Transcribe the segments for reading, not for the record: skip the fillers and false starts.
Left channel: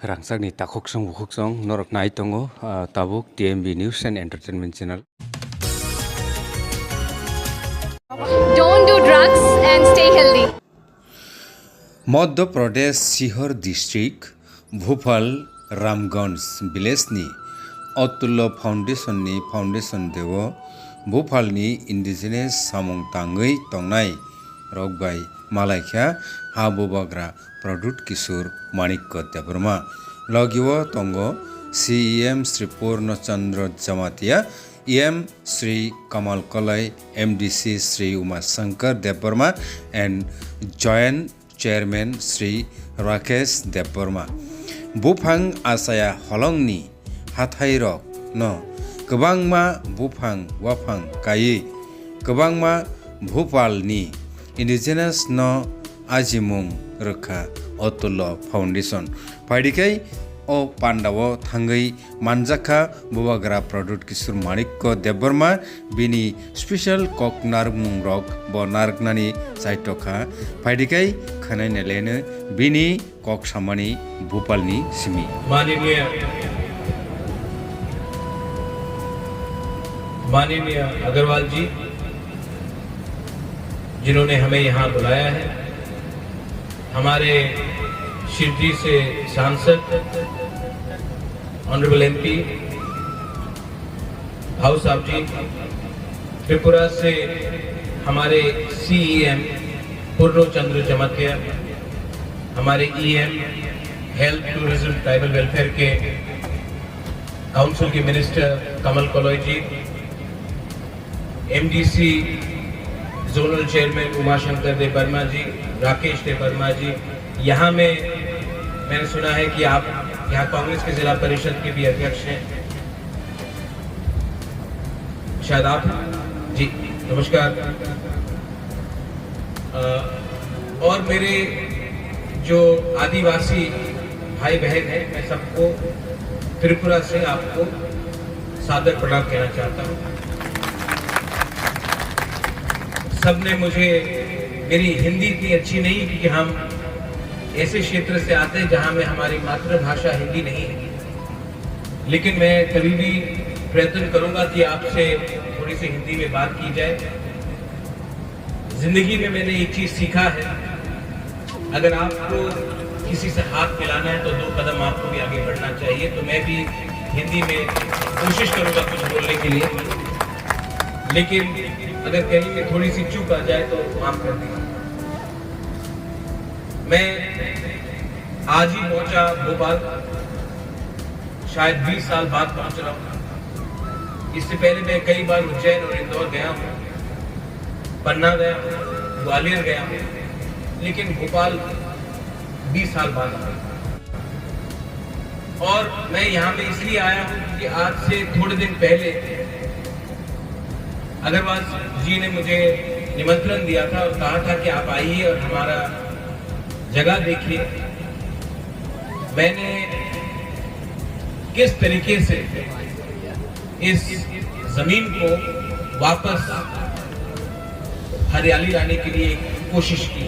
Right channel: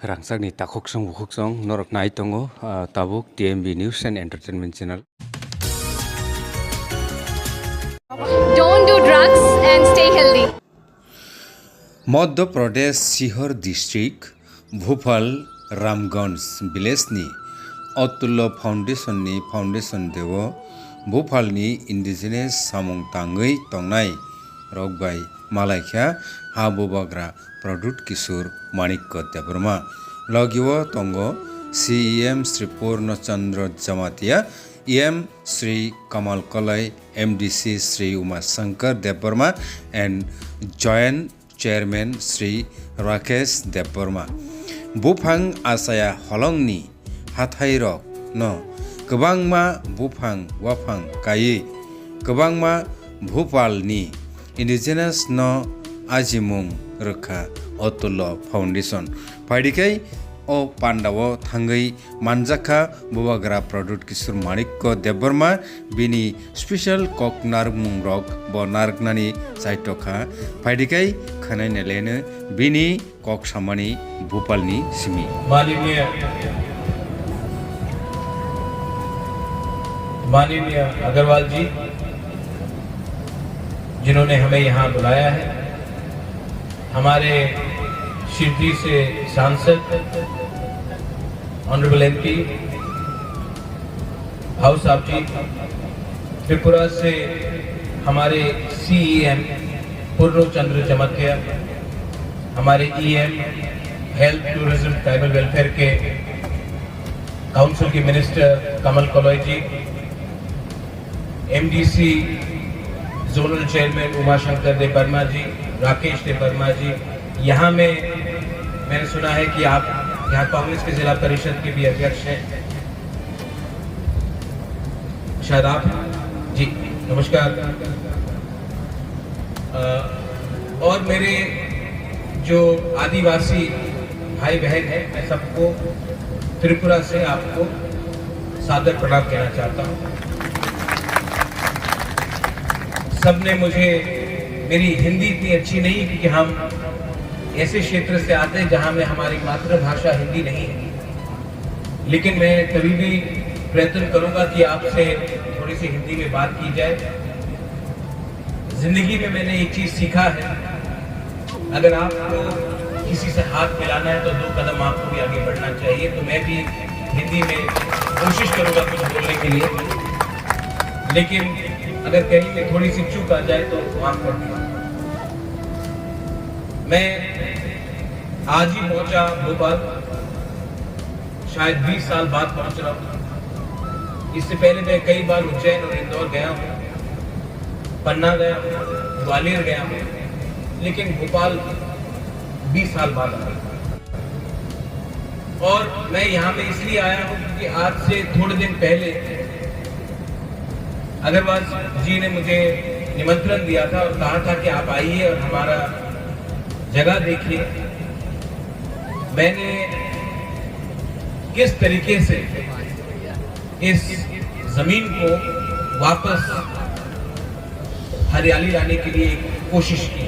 Rangsakni takoksong bukoksong norok nai tongo tabuk TMB News and Entertainment Channel. Don't do drugs and stay healthy. Madhya Pradesh Sehore district Bhopal Ramganj विलेजनि Atulya foundation देव भोपालनि indigenous सामुं तांगै तंनाय रकबाय मालायख्या हाबोबाग्रा प्रदुत किशोर माणिक्य देबरमा लगिव तंगो CEM Shri Purnachandra Jamatia EM Shri Kamal Kalai MDC Shri Umashankar Debbarma and joint chairman Shri Rakesh Debbarma बुफां आसाया हलंगनि हाथाइरक न गोबांमा बुफां वाफां गायै गोबांमा भोपालनि इंडिजिनियस न आजिमुं रोखा अतुल्य फाउंडेशन फाइडिकै ओ पांडाव थांगै मानजाखा बुबाग्रा प्रदुत किशोर माणिक्य देबवर्मा बिनि स्पेशल कक नारमुं रक ब नारकनानि साइटखा फाइडिकै खनायनेलेनो बिनि कक सामानि भोपालनि सिमी माननीय अग्रवाल जी जिन्होंने हमें यहाँ बुलाया है, हमारे शिरडी से सांसद ऑनरेबल MP भाऊ साहब जी, त्रिपुरा से हमारे CEM पूर्णचंद्र जमातिया, हमारे EM health tourism tribal welfare के काउंसिल के मिनिस्टर कमल कलॉय जी, MDC zonal chairman Umashankar Debbarma जी, राकेश देबवर्मा जी, यहाँ मैंने सुना है कि आप यहाँ कांग्रेस के जिला परिषद के भी अध्यक्ष हैं, शायद आप जी, नमस्कार। और मेरे जो आदिवासी भाई बहन हैं, मैं सबको त्रिपुरा से आपको सादर प्रणाम कहना चाहता हूँ। सबने मुझे, मेरी हिंदी इतनी अच्छी नहीं क्योंकि हम ऐसे क्षेत्र से आते हैं जहां में हमारी मातृभाषा हिंदी नहीं है, लेकिन मैं कभी भी प्रयत्न करूंगा कि आपसे थोड़ी सी हिंदी में बात की जाए। जिंदगी में मैंने एक चीज सीखा है, अगर आपको किसी से हाथ मिलाना है तो 2 कदम आपको भी आगे बढ़ना चाहिए। तो मैं भी हिंदी में कोशिश करूंगा कुछ बोलने के लिए, लेकिन अगर कहीं में थोड़ी सी चूक आ जाए तो माफ कर देना। मैं आज ही पहुंचा भोपाल, शायद 20 साल बाद पहुंच रहा हूं। इससे पहले मैं कई बार उज्जैन और इंदौर गया हूं, पन्ना गया हूं, ग्वालियर गया हूं, लेकिन भोपाल 20 साल बाद आया। और मैं यहाँ पे इसलिए आया हूं क्योंकि आज से थोड़े दिन पहले अग्रवाल जी ने मुझे निमंत्रण दिया था और कहा था कि आप आइए और हमारा जगह देखिए। मैंने किस तरीके से इस जमीन को वापस हरियाली लाने के लिए कोशिश की,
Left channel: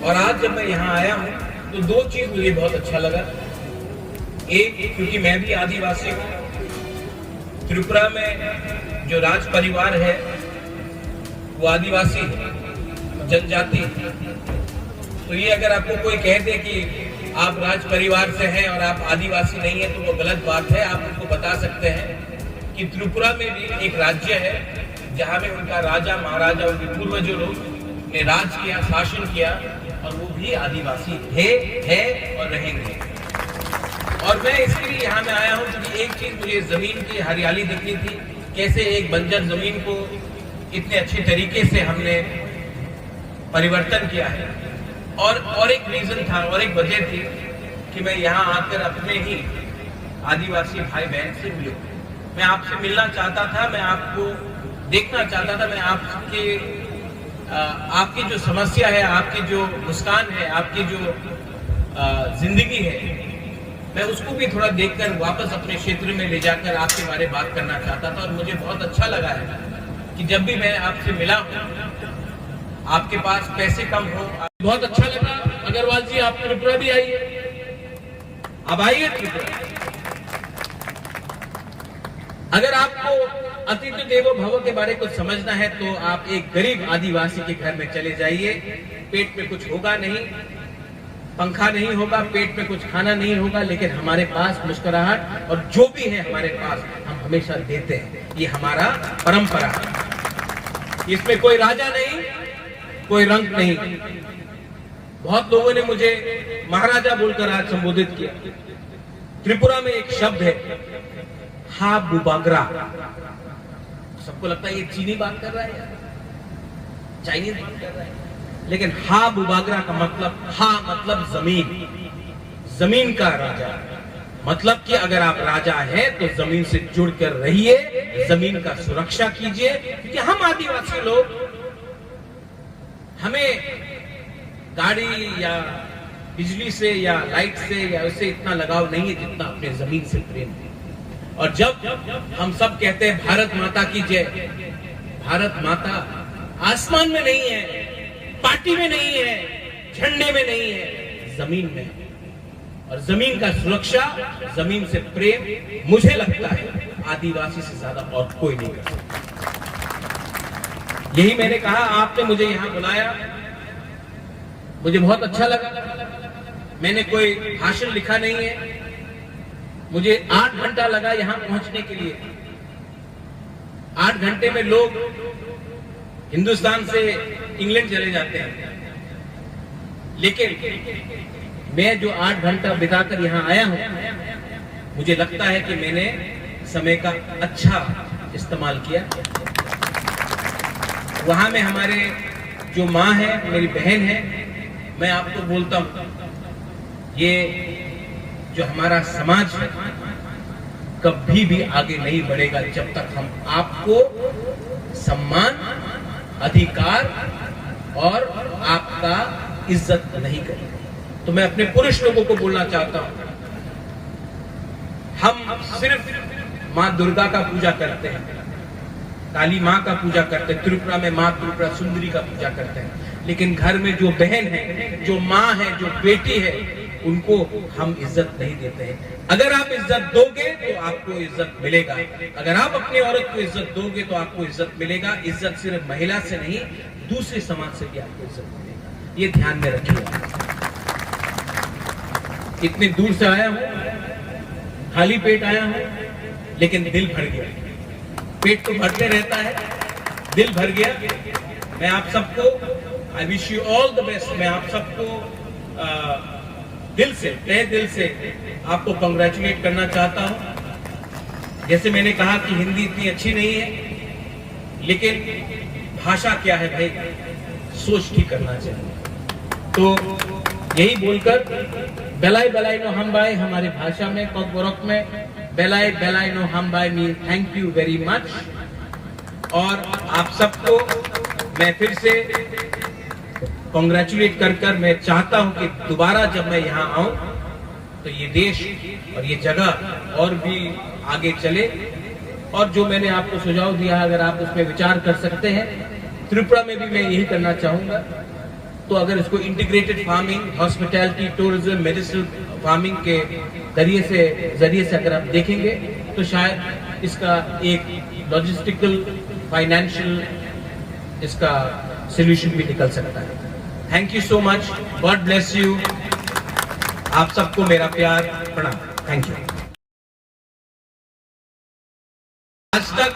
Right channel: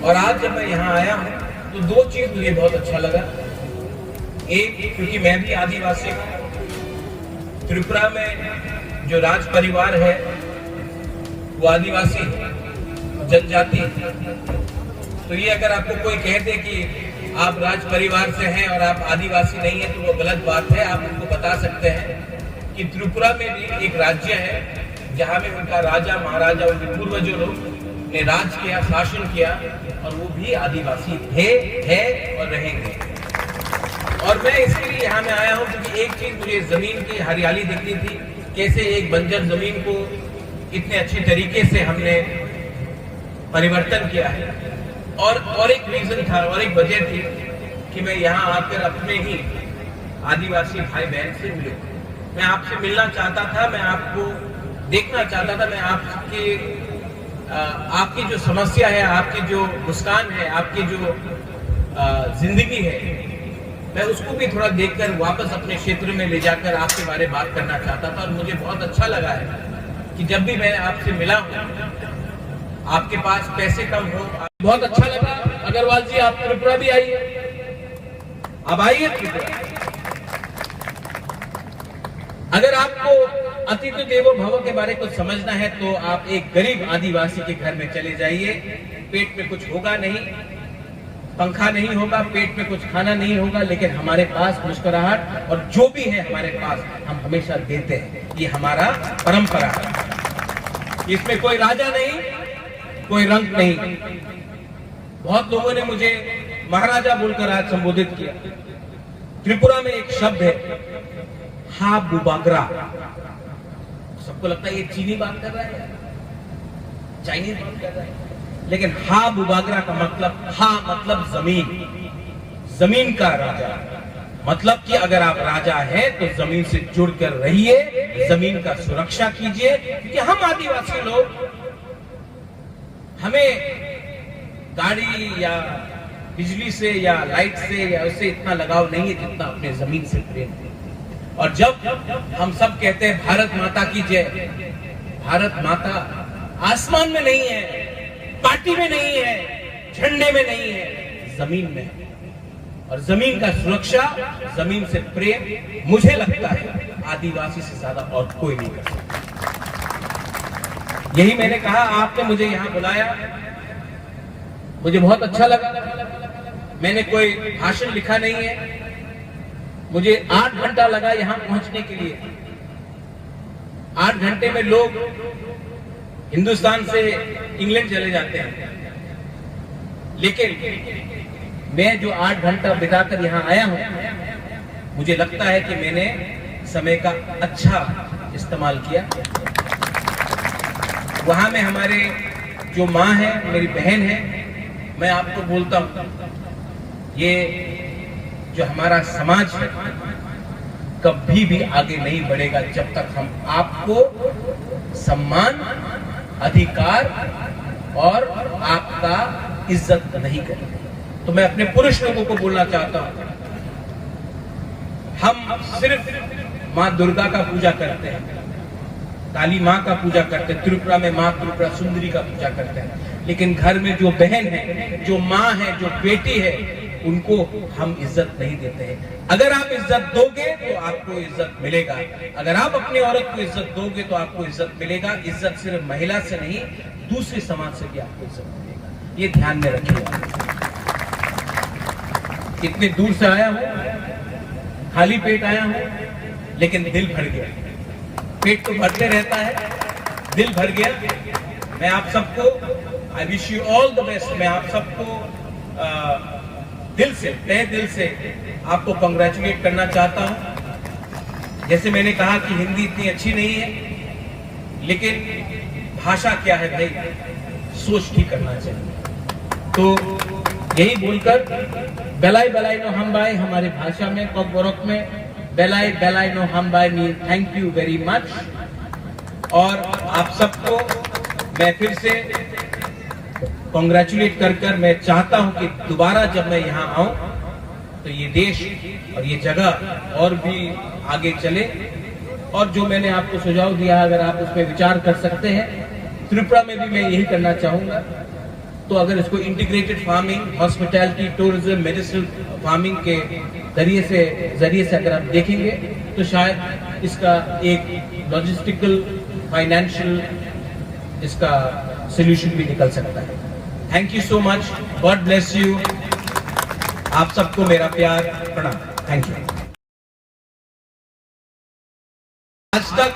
और आज जब मैं यहाँ आया हूँ तो 2 चीज मुझे बहुत अच्छा लगा। एक, क्योंकि मैं भी आदिवासी हूँ, त्रिपुरा में जो राज परिवार है वो आदिवासी जनजाति, तो ये अगर आपको कोई कह दे कि आप राज परिवार से हैं और आप आदिवासी नहीं है तो वो गलत बात है। आप उनको बता सकते हैं कि त्रिपुरा में भी एक राज्य है जहाँ में उनका राजा महाराजा, उनके पूर्वजों लोग ने राज किया, शासन किया, और वो भी आदिवासी थे, है और रहेंगे। और मैं इसके लिए यहाँ में आया हूँ क्योंकि एक चीज मुझे जमीन की हरियाली दिखती थी, कैसे एक बंजर जमीन को इतने अच्छे तरीके से हमने परिवर्तन किया है। और एक रीजन था और एक वजह थी कि मैं यहाँ आकर अपने ही आदिवासी भाई बहन से मिलूं। मैं आपसे मिलना चाहता था, मैं आपको देखना चाहता था, मैं आपकी जो समस्या है, आपकी जो मुस्कान है, आपकी जो जिंदगी है, मैं उसको भी थोड़ा देखकर वापस अपने क्षेत्र में ले जाकर आपके बारे में बात करना चाहता था। और मुझे बहुत अच्छा लगा है कि जब भी मैं आपसे मिला हूं, आपके पास पैसे कम हो, बहुत अच्छा लगा। अग्रवाल जी आप त्रिपुरा भी आइए, अब आइए त्रिपुरा। अगर आपको अतिथि देवो भव के बारे में कुछ समझना है तो आप एक गरीब आदिवासी के घर में चले जाइए। पेट में कुछ होगा नहीं, पंखा नहीं होगा, पेट में कुछ खाना नहीं होगा, लेकिन हमारे पास मुस्कुराहट और जो भी है हमारे पास हम हमेशा देते हैं। ये हमारा परंपरा है। इसमें कोई राजा नहीं, कोई रंग नहीं। बहुत लोगों ने मुझे महाराजा बोलकर आज संबोधित किया। त्रिपुरा में एक शब्द है हा बुबागरा। सबको लगता है ये चीनी बात कर रहा है, चाइनीज बात कर रहा है, लेकिन हा बुबागरा का मतलब, हा मतलब जमीन, जमीन का राजा। मतलब कि अगर आप राजा हैं तो जमीन से जुड़कर रहिए, जमीन का सुरक्षा कीजिए। क्योंकि हम आदिवासी लोग, हमें गाड़ी या बिजली से या लाइट से या उससे इतना लगाव नहीं है जितना अपने जमीन से प्रेम है। और जब हम सब कहते हैं भारत माता की जय, भारत माता आसमान में नहीं है, पार्टी में नहीं है, झंडे में नहीं है, जमीन में है। और जमीन का सुरक्षा, जमीन से प्रेम, मुझे लगता है आदिवासी से ज्यादा और कोई नहीं कर सकता। यही मैंने कहा, आपने मुझे यहां बुलाया, मुझे बहुत अच्छा लगा। मैंने कोई भाषण लिखा नहीं है, मुझे 8 घंटा लगा यहां पहुंचने के लिए। 8 घंटे में लोग हिंदुस्तान से इंग्लैंड चले जाते हैं, लेकिन मैं जो 8 घंटा बिताकर यहां आया हूं, मुझे लगता है कि मैंने समय का अच्छा इस्तेमाल किया। वहां में हमारे जो माँ है, मेरी बहन है, मैं आपको बोलता हूं, ये जो हमारा समाज है कभी भी आगे नहीं बढ़ेगा जब तक हम आपको सम्मान, अधिकार और आपका इज्जत नहीं करेंगे। तो मैं अपने पुरुष लोगों को बोलना चाहता हूं, हम सिर्फ मां दुर्गा का पूजा करते हैं, काली मां का पूजा करते हैं, त्रिपुरा में मां त्रिपुरा सुंदरी का पूजा करते हैं, लेकिन घर में जो बहन है, जो मां है, जो बेटी है, उनको हम इज्जत नहीं देते हैं। अगर आप इज्जत दोगे तो आपको इज्जत मिलेगा। अगर आप अपनी औरत को इज्जत दोगे तो आपको इज्जत मिलेगा। इज्जत सिर्फ महिला से नहीं, दूसरे समाज से भी आपको इज्जत मिलेगा। ये ध्यान में रखिएगा। इतने दूर से आया हूं, खाली पेट आया हूं, लेकिन दिल भर गया। पेट तो भरते रहता है, दिल भर गया। मैं आप सबको, I wish you all the best. मैं आप सबको दिल से, तहे दिल से आपको कांग्रेचुलेट करना चाहता हूं। जैसे मैंने कहा कि हिंदी इतनी अच्छी नहीं है, लेकिन भाषा क्या है भाई, सोच की करना चाहिए। तो यही बोलकर बेलाई बेलाई नो हम बाई, हमारे भाषा में कॉकबोरक में बेलाई बेलाई नो हम by mean thank you very much. और आप सबको मैं फिर से कांग्रेचुलेट कर मैं चाहता हूं कि दोबारा जब मैं यहां आऊं तो ये देश और ये जगह और भी आगे चले। और जो मैंने आपको सुझाव दिया, अगर आप उस पर विचार कर सकते हैं, त्रिपुरा में भी मैं यही करना चाहूंगा। तो अगर इसको integrated farming, hospitality, tourism, medicinal farming के जरिए से अगर आप देखेंगे तो शायद इसका एक लॉजिस्टिकल, फाइनेंशियल इसका सोल्यूशन भी निकल सकता है। Thank you so much, God bless you. आप सबको मेरा प्यार, प्रणाम, थैंक यू। आज तक,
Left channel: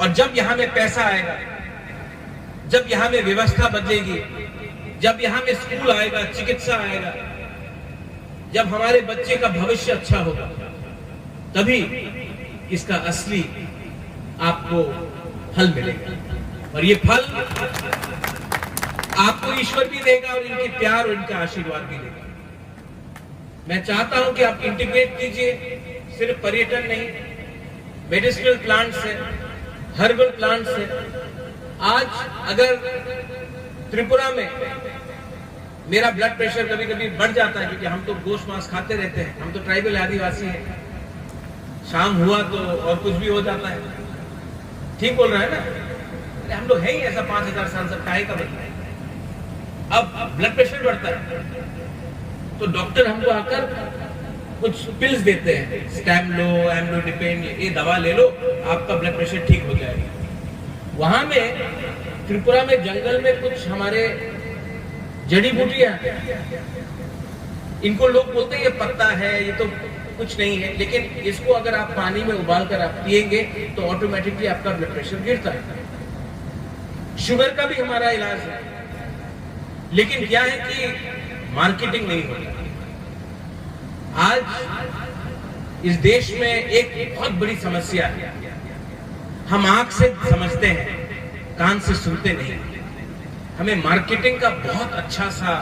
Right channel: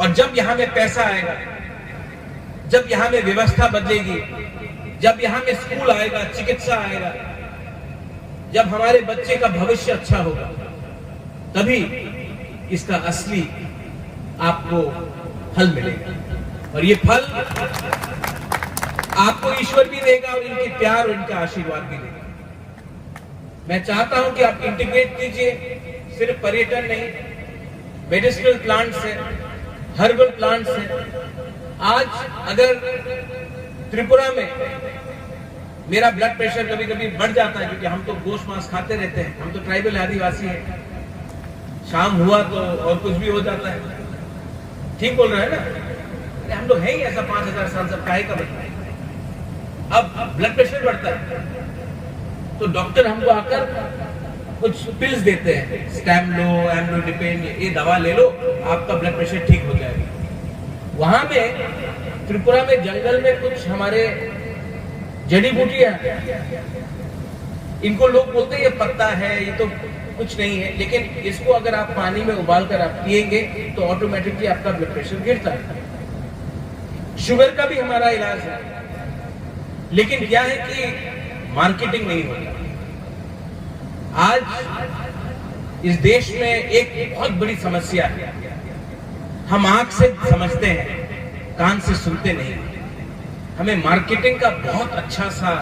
और जब यहां में पैसा आएगा, जब यहां में व्यवस्था बदलेगी, जब यहां में स्कूल आएगा, चिकित्सा आएगा, जब हमारे बच्चे का भविष्य अच्छा होगा, तभी इसका असली आपको फल मिलेगा। और ये फल आपको ईश्वर भी देगा और इनके प्यार और इनका आशीर्वाद भी देगा। मैं चाहता हूं कि आप इंटीग्रेट कीजिए, सिर्फ पर्यटन नहीं, मेडिसिनल प्लांट्स है, हर्बल प्लांट्स है। आज अगर त्रिपुरा में मेरा ब्लड प्रेशर कभी कभी बढ़ जाता है, क्योंकि हम तो गोश्त मांस खाते रहते हैं, हम तो ट्राइबल आदिवासी हैं, शाम हुआ तो और कुछ भी हो जाता है। ठीक बोल रहे हैं ना? हम लोग हैं ही ऐसा, 5000 साल सब काहे का बदला। अब ब्लड प्रेशर बढ़ता है तो डॉक्टर हमको आकर कुछ पिल्स देते हैं, स्टैम्लो, एम्लोडिपिन, ये दवा ले लो, आपका ब्लड प्रेशर ठीक हो जाएगा। वहां में त्रिपुरा में जंगल में कुछ हमारे जड़ी बूटियां, इनको लोग बोलते हैं ये पत्ता है, ये तो कुछ नहीं है, लेकिन इसको अगर आप पानी में उबाल कर आप पिएंगे तो ऑटोमेटिकली आपका ब्लड प्रेशर गिरता है। शुगर का भी हमारा इलाज है, लेकिन क्या है कि मार्केटिंग नहीं होता। आज इस देश में एक बहुत बड़ी समस्या है, हम आंख से समझते हैं, कान से सुनते नहीं। हमें मार्केटिंग का बहुत अच्छा सा,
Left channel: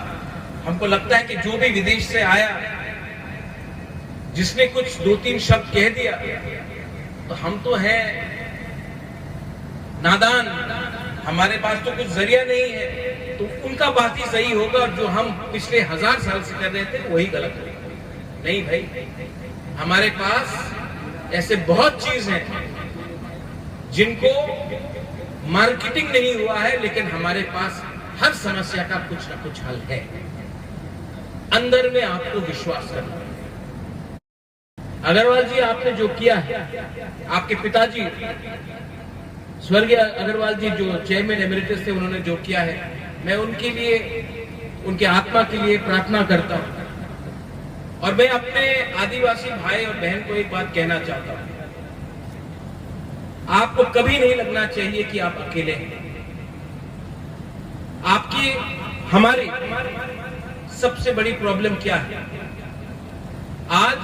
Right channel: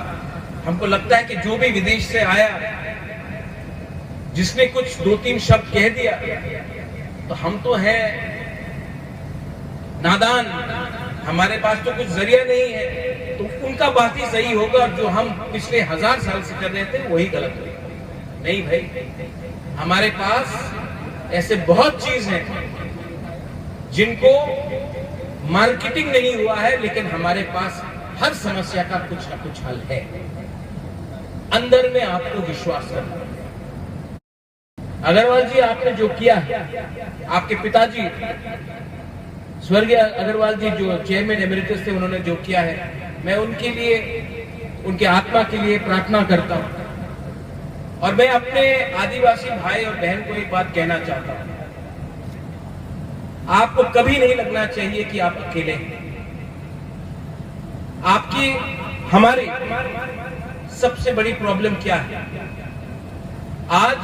हमको लगता है कि जो भी विदेश से आया, जिसने कुछ 2-3 शब्द कह दिया तो हम तो है नादान, हमारे पास तो कुछ जरिया नहीं है, तो उनका बात ही सही होगा, जो हम पिछले 1000 साल से कर रहे थे वही गलत होगा। नहीं भाई, हमारे पास ऐसे बहुत चीज हैं जिनको मार्केटिंग नहीं हुआ है, लेकिन हमारे पास हर समस्या का कुछ ना कुछ हल है। अंदर में आपको विश्वास करना है। अग्रवाल जी, आपने जो किया है, आपके पिताजी स्वर्गीय अग्रवाल जी जो चेयरमैन एमिरेटस थे, उन्होंने जो किया है, मैं उनके लिए, उनके आत्मा के लिए प्रार्थना करता हूं। और मैं अपने आदिवासी भाई और बहन को एक बात कहना चाहता हूं, आपको कभी नहीं लगना चाहिए कि आप अकेले हैं। आपकी, हमारी सबसे बड़ी प्रॉब्लम क्या है? आज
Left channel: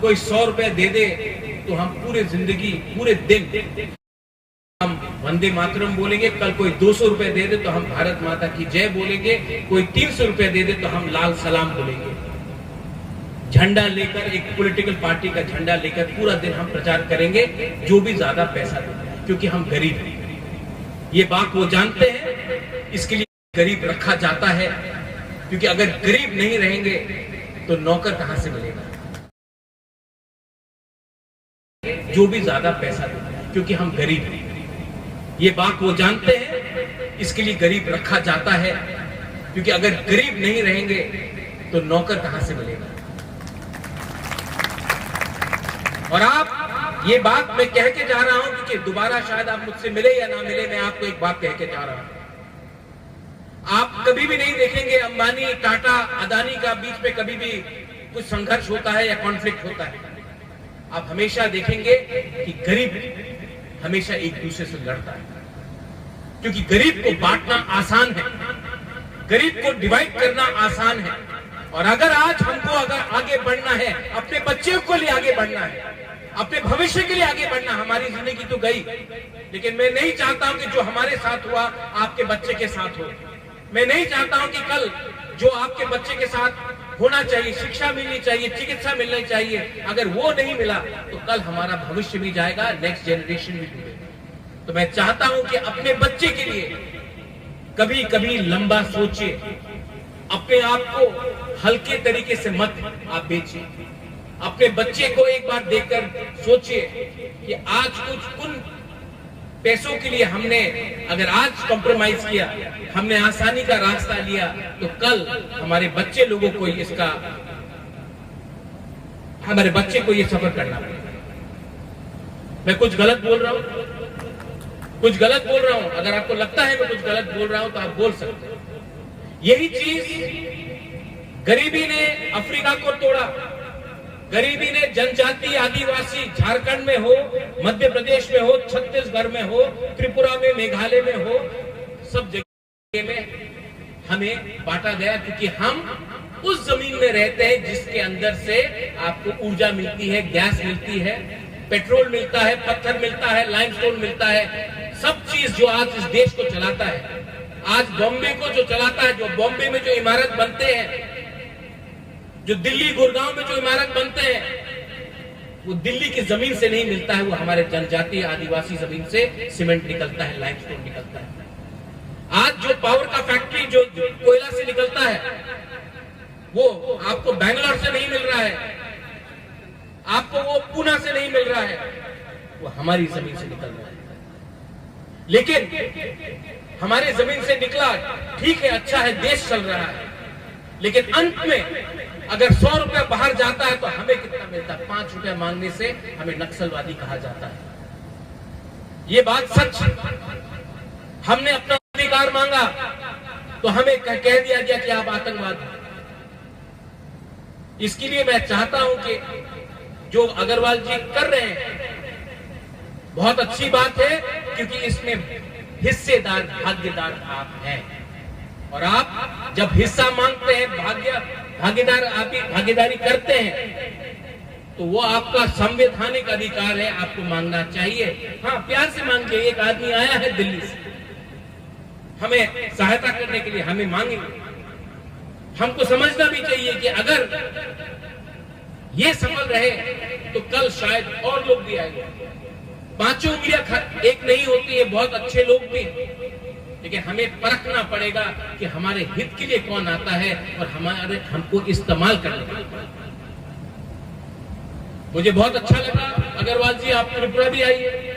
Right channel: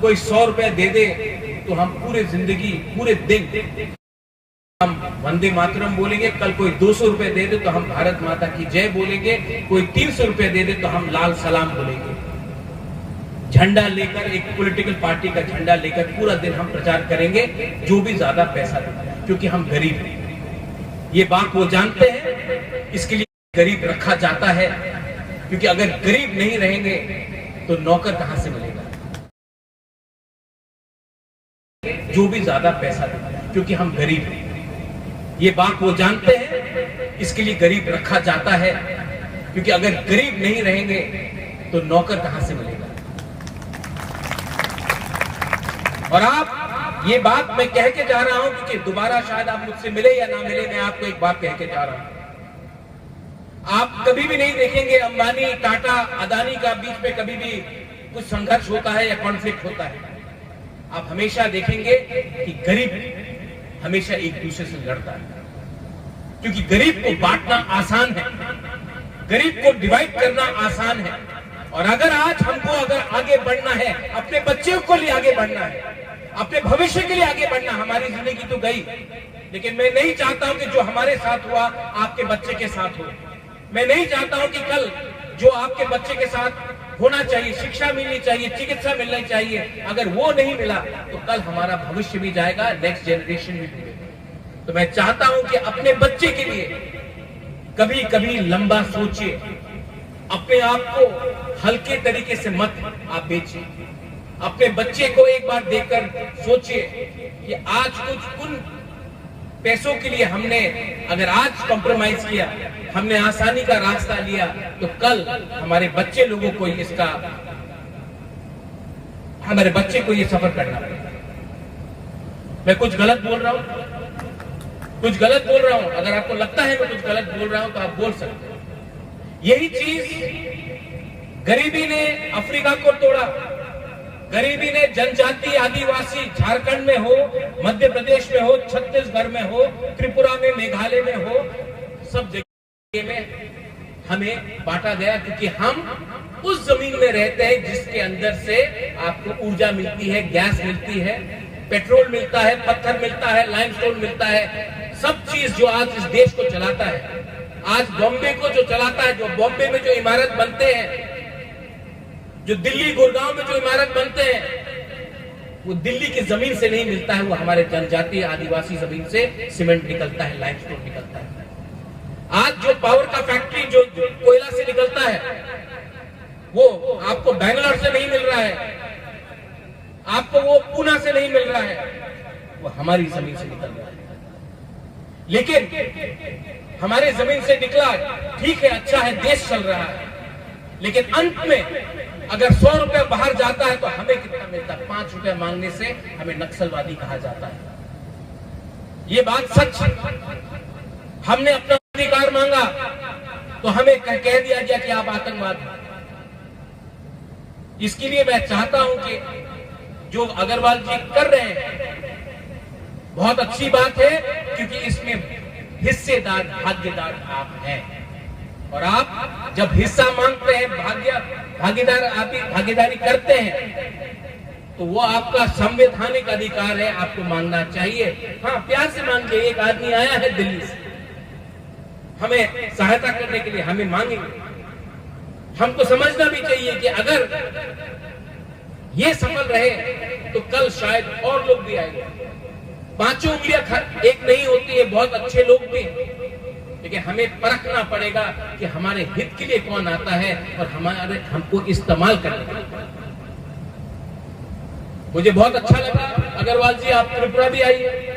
कोई 100 रुपए दे दे तो हम पूरे जिंदगी, पूरे दिन हम वंदे मातरम बोलेंगे, कल कोई 200 रुपए दे दे तो हम भारत माता की जय बोलेंगे, कोई 300 रुपए दे दे तो हम लाल सलाम बोलेंगे। झंडा लेकर, एक पॉलिटिकल पार्टी का झंडा लेकर पूरा दिन हम प्रचार करेंगे, जो भी ज्यादा पैसा देता है, क्योंकि हम गरीब हैं। ये बात वो जानते हैं, इसके लिए गरीब रखा जाता है, क्योंकि अगर गरीब नहीं रहेंगे तो नौकर कहां से मिलेगा? जो भी ज्यादा पैसा देता है, क्योंकि हम गरीब हैं। ये बात वो जानते हैं, इसके लिए गरीब रखा जाता है, क्योंकि अगर गरीब नहीं रहेंगे तो नौकर कहां से मिलेगा? और आप, ये बात मैं कह के जा रहा हूं, क्योंकि दोबारा शायद आप मुझसे मिले या ना मिले, मैं आपको एक बात कह के जा रहा हूं। आप कभी भी नहीं देखेंगे अंबानी, टाटा, अदानी का बीच में कभी भी कुछ संघर्ष होता है या कॉन्फ्लिक्ट होता है। आप हमेशा देखेंगे कि गरीब हमेशा एक दूसरे से लड़ता है, क्योंकि गरीब को बांटना आसान है, गरीब को डिवाइड करना आसान है। और अगर आज हमको अगर आगे बढ़ना है, अपने बच्चों को लिए आगे बढ़ना है, अपने भविष्य के लिए आगे बढ़ना, हमारी जिंदगी तो गई, लेकिन मैं नहीं चाहता हूं कि जो हमारे साथ हुआ आपके बच्चे के साथ हो। मैं नहीं चाहता हूं कि कल जो आपके बच्चे के साथ होना चाहिए, शिक्षा मिलनी चाहिए, चिकित्सा मिलनी चाहिए, अगर वो नहीं मिला तो कल हमारा भविष्य भी जाएगा, नेक्स्ट जनरेशन भी मिलेगी। तो मैं चाहता हूं कि अपने बच्चे के लिए कभी कभी लंबा सोचिए, अपने आप को हल्के तरीके से मत आप बेचिए। अपने बच्चे को एक बार देखकर सोचिए कि आज कुछ उन पैसों के लिए हमने अगर आज कॉम्प्रोमाइज किया, हमने आसानी का रास्ता लिया, तो कल हमारे बच्चे लोगों को इसका, हमारे बच्चे को ये सफर करना पड़ेगा। मैं कुछ गलत बोल रहा हूं, कुछ गलत बोल रहा हूं, अगर आपको लगता है मैं कुछ गलत बोल रहा हूं तो आप बोल सकते हैं। यही चीज गरीबी ने अफ्रीका को तोड़ा, गरीबी ने जनजाति आदिवासी झारखंड में हो, मध्य प्रदेश में हो, छत्तीसगढ़ में हो, त्रिपुरा में, मेघालय में हो, सब जगह में हमें बांटा गया, क्योंकि हम उस जमीन में रहते हैं जिसके अंदर से आपको ऊर्जा मिलती है, गैस मिलती है, पेट्रोल मिलता है, पत्थर मिलता है, लाइमस्टोन मिलता है, सब चीज जो आज इस देश को चलाता है। आज बॉम्बे को जो चलाता है, जो बॉम्बे में जो इमारत बनते हैं, जो दिल्ली गुड़गांव में जो इमारत बनते हैं, वो दिल्ली की जमीन से नहीं मिलता है, वो हमारे जनजातीय आदिवासी जमीन से सीमेंट निकलता है, लाइमस्टोन निकलता है। आज जो पावर का फैक्ट्री जो कोयला से निकलता है, वो आपको बैंगलोर से नहीं मिल रहा है, आपको वो पूना से नहीं मिल रहा है, वो हमारी जमीन से निकल रहा है। लेकिन हमारे जमीन से निकला, ठीक है, अच्छा है, देश चल रहा है, लेकिन अंत में अगर 100 रुपया बाहर जाता है तो हमें कितना मिलता है? 5 रुपया मांगने से हमें नक्सलवादी कहा जाता है। ये बात सच है। हमने अपना अधिकार मांगा तो हमें कह दिया गया कि आप आतंकवाद हैं। इसके लिए मैं चाहता हूं कि जो अग्रवाल जी कर रहे हैं बहुत अच्छी बात है, क्योंकि इसमें हिस्सेदार, भागीदार आप हैं। और आप जब हिस्सा मांगते हैं, भागीदारी करते हैं, तो वो आपका संवैधानिक अधिकार है, आपको मांगना चाहिए। हाँ, प्यार से मांगिए। एक आदमी आया है दिल्ली से हमें सहायता करने के लिए, हमें मांगेंगे। हमको समझना भी चाहिए कि अगर ये सफल रहे तो कल शायद और लोग भी आएंगे। 5 उंगलियां एक नहीं होती है, बहुत अच्छे लोग भी हैं, लेकिन हमें परखना पड़ेगा कि हमारे हित के लिए कौन आता है और हमको इस्तेमाल करना। मुझे बहुत अच्छा लगा अग्रवाल जी, आप त्रिपुरा भी आई है।